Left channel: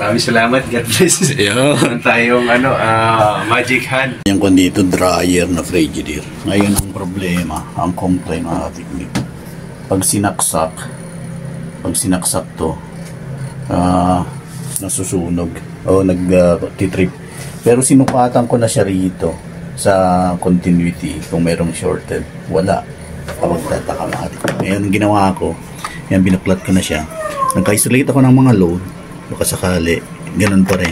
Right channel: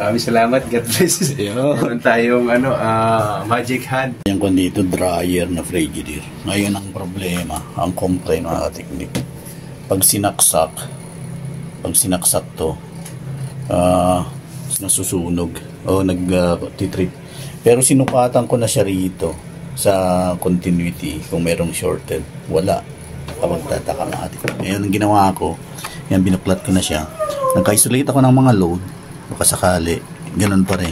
Maraming salamat. God bless. Meron tayong magic hand. Yung kundi ito, dryer na Frigidaire. Ngayon ang problema, ang complaint ng ating technique. Pag sinaksak to, nasusunog o nag-titrip. Pero sinukatan ko na siya rito sa continuity kung merong shorted. Wala. Kapag tataka ng ating. Ngayon ang ginawa ko, yan, binuklat ko na siya. Nagka-isolate ako ng mga load. Baka sakali, ganun pa rin.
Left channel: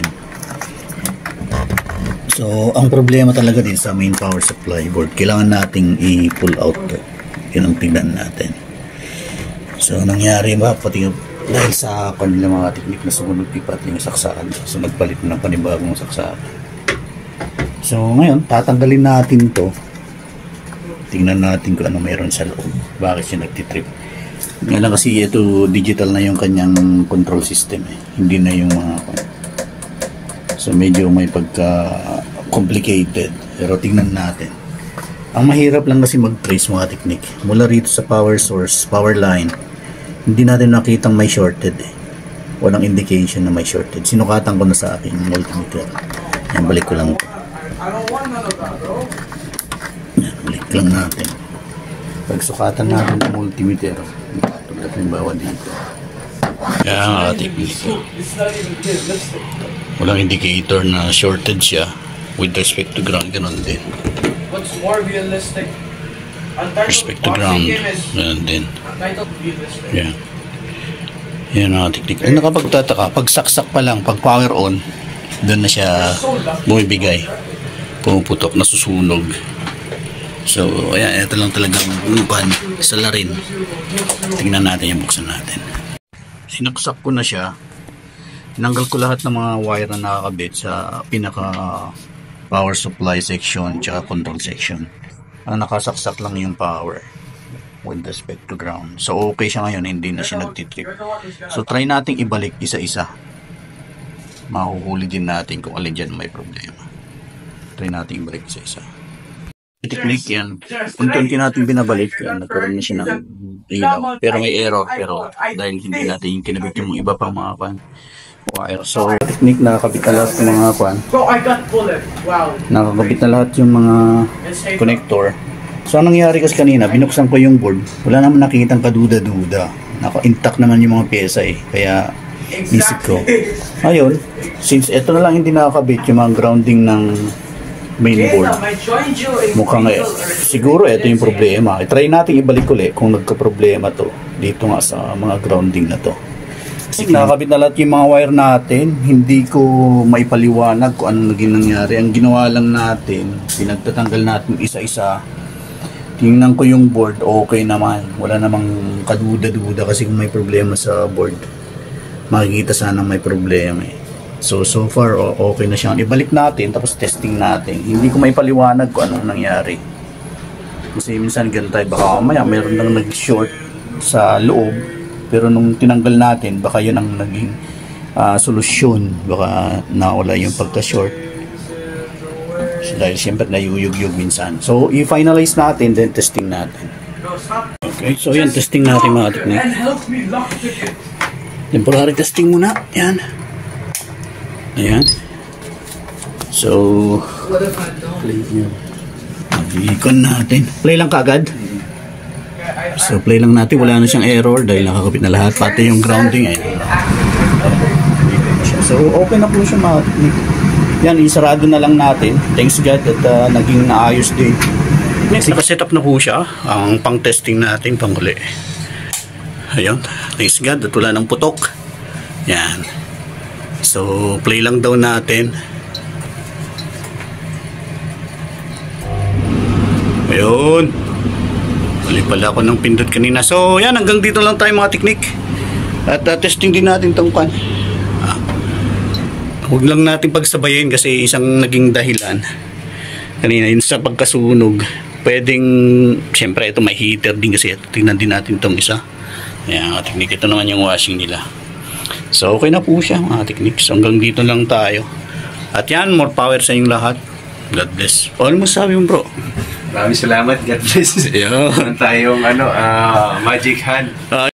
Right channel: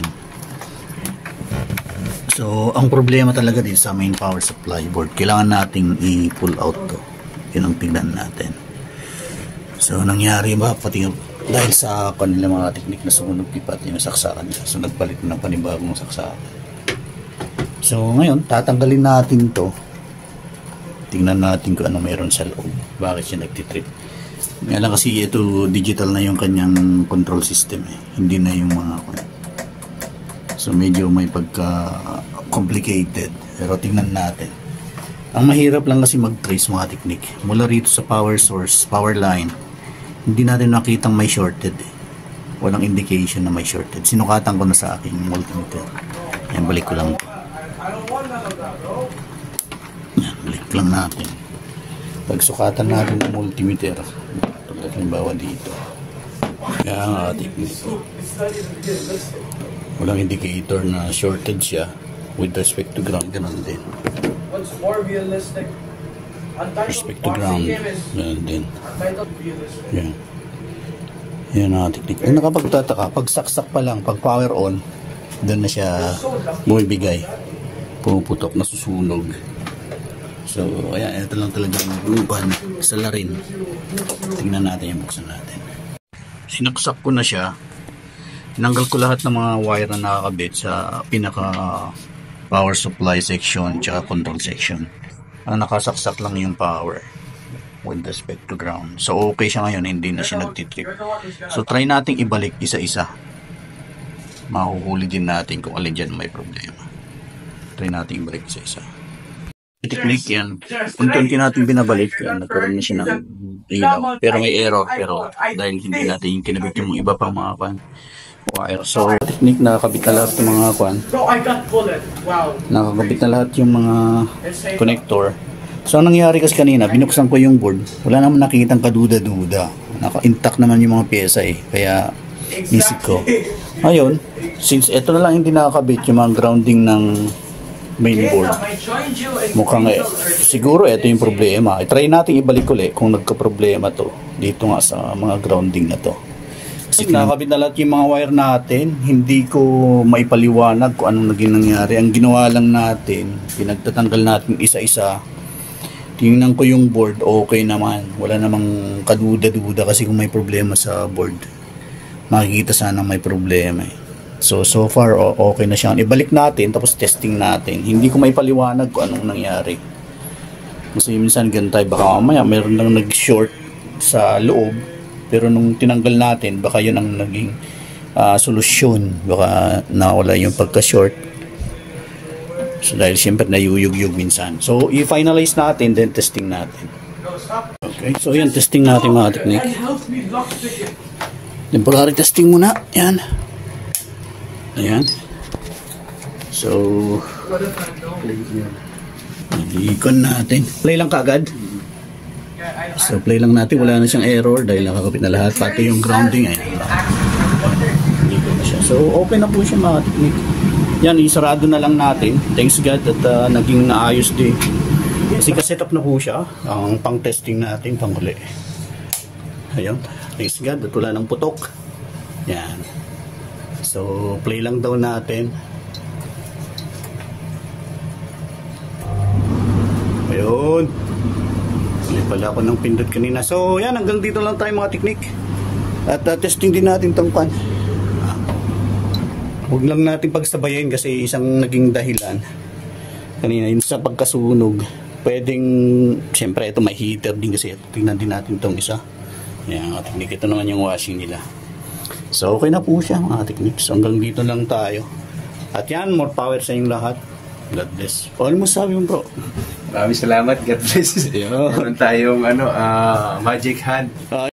So, ang problema talaga din sa main power supply board, kailangan nating i-pull out to. Yun ang tingnan natin. So, nangyari ba, pati dahil sa kanila mga technique na sumunod pipat yung saksakan. So, nagpalit ng panibagong saksakan. So, ngayon, tatanggalin natin to. Tingnan natin kung ano meron sa loob. Bakit siya nagtitrip. Ngayon kasi ito digital na yung kanyang control system eh. Hindi na yung mga so medyo may pagka complicated, pero tingnan natin. Ang mahirap lang kasi mag-trace mga technique mula rito sa power source, power line. Hindi natin nakitang may shorted eh. Walang indication na may shorted. Sinukatan ko na sa aking multimeter. Yan, balik ko lang. Yan, balik lang natin. Pagsukatan natin ng multimeter, halimbawa dito. Kaya ang ating dito. Walang indicator na shorted siya with respect to ground. Ganun din. What's more realistic? Respect to ground. Ganun din. Yeah. Yan ang technique. Ang nakapagtataka, pag saksak pa lang, pag power on, doon na siya bumibigay. Pumuputok, nasusunog. So, ayan, ito lang talagang umupan sa larin. Tingnan natin yung buksan natin. Sinaksak ko na siya. Tinanggal ko lahat ng mga wire na nakakabit sa pinaka power supply section tsaka control section. Ang nakasaksak lang yung power with respect to ground. So, okay siya ngayon. Hindi na siya nagtitrip. So, try natin ibalik isa-isa. Mahuhuli din natin kung alin dyan may problema. Try natin ibalik isa-isa. Technique yan. Unti-unti natin binabalik yan. Nagkaroon na siya ng ilaw. Pero may error. Pero dahil hindi natin kinabit yung iba pang mga wire. So, technique, nakakabit na lahat yung mga nakakabit na lahat yung mga connector. So, ang nangyari kasi kanina, binuksan ko yung board. Wala naman nakikitang kaduda-duda. Naka-intact naman yung mga pyesa eh. Kaya, isip ko. Ngayon, since ito na lang hindi nakakabit yung mga grounding ng mainboard, mukhang siguro ito yung problema. Try natin ibalik ulit kung nagka-problema to dito nga sa mga grounding na to. Kasi nakakabit na lahat yung mga wire natin. Hindi ko maipaliwanag kung anong naging nangyari. Ang ginawa lang natin, pinagtatanggal natin isa-isa. Tingnan ko yung board, okay naman. Wala namang kaduda-duda kasi kung may problema sa board, makikita sana may problema eh. So far, okay na siya. Ibalik natin, tapos testing natin. Hindi ko may paliwanag kung anong nangyari. Kasi minsan ganun tayo, baka mamaya meron lang nag-short sa loob. Pero nung tinanggal natin, baka yun ang naging solusyon. Baka nawala yung pagka-short. So dahil siyempre nayuyug-yug minsan. So i-finalize natin, then testing natin. Okay, so yan, testing natin mga technique. Then pag-ari testing muna, yan. Ayan. So, play yun. Ikon natin. Play lang kagad. So, play lang natin. Wala na siyang error dahil nakakapit na lahat. Pati yung grounding. Ayan. So, okay na po siya mga technique. Yan, isarado na lang natin. Thanks God at naging naayos din. Next, set up na po siya. Ang pang-testing natin, panghuli. Ayan. Thanks God at wala ng putok. Yan. So, play lang daw natin. Ayun. Mali pala ako ng pindot kanina. So, yan. Hanggang dito lang tayo mga technique. At testing din natin itong pan. Huwag lang natin pagsabayin kasi isang naging dahilan. Kanina, yun sa pagkasunog. Pwedeng, siyempre, ito may heater din kasi. Tingnan din natin itong isa. Ayan, mga technique. Ito naman yung washing nila. So, okay na po siya mga technique. So, hanggang dito lang tayo. At yan, more power sa inyong lahat. God bless. Ano mo sabi mo, bro? Maraming salamat. God bless. Meron tayong magic hand.